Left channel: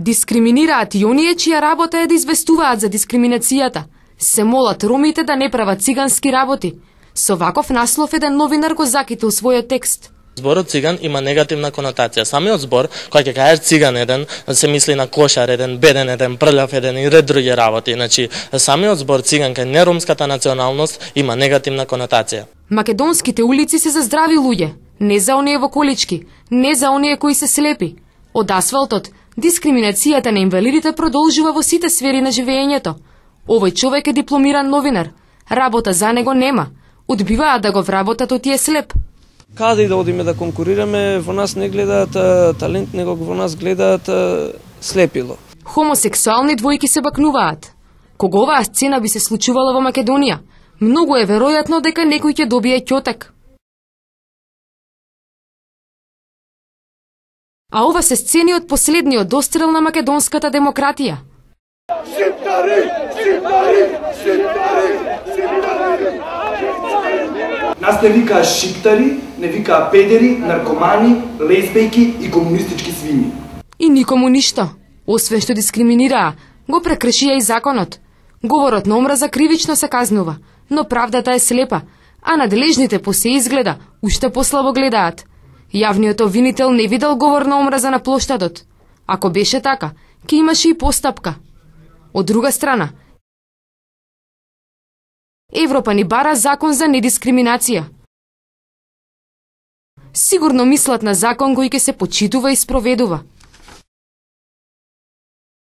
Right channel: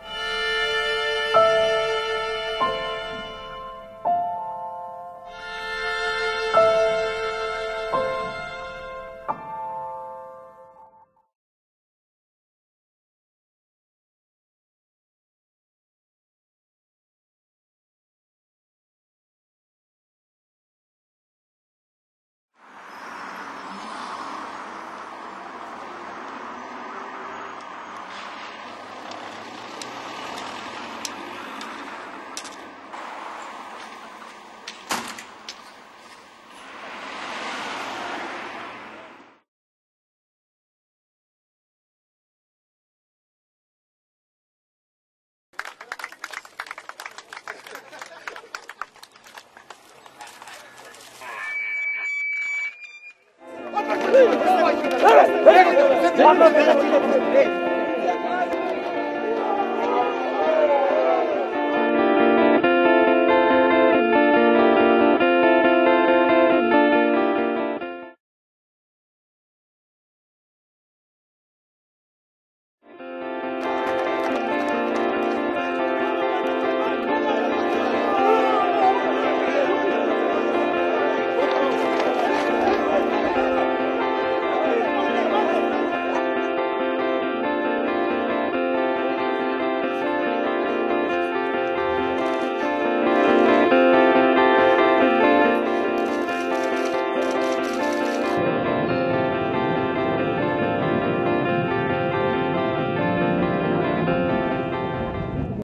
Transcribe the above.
Дискриминираат и оние чија работа е да известуваат за дискриминацијата. Се молат ромите да не прават цигански работи. Со ваков наслов еден новинар го закитил својот текст. Зборот циган има негативна конотација. Самиот збор, кој ќе кажеш циган еден, се мисли на кошар еден, беден еден, прљав еден и ред други работи. Значи, самиот збор циган кај неромската националност има негативна конотација. Македонските улици се за здрави луѓе, не за оние во колички, не за оние кои се слепи. Од асфалтот, дискриминацијата на инвалидите продолжува во сите сфери на живеењето. Овој човек е дипломиран новинар. Работа за него нема. Одбиваат да го вработат оти е слеп. Каде и да одиме да конкурираме, во нас не гледаат талент, него во нас гледаат слепило. Хомосексуални двојки се бакнуваат. Кога оваа сцена би се случувала во Македонија, многу е веројатно дека некој ќе добие ќотек. А ова се сцени од последниот дострел на македонската демократија. Нас не викаа шиптари, не викаа педери, наркомани, лесбејки и комунистички свини. И никому ништо, освен што дискриминираа, го прекршија и законот. Говорот на омраза кривично се казнува, но правдата е слепа, а надлежните по се изгледа, уште послабо гледаат. Јавниот обвинител не видел говор на омраза на плоштадот. Ако беше така, ќе имаше и постапка. Од друга страна, Европа ни бара закон за недискриминација. Сигурно мислат на закон кој ќе се почитува и спроведува.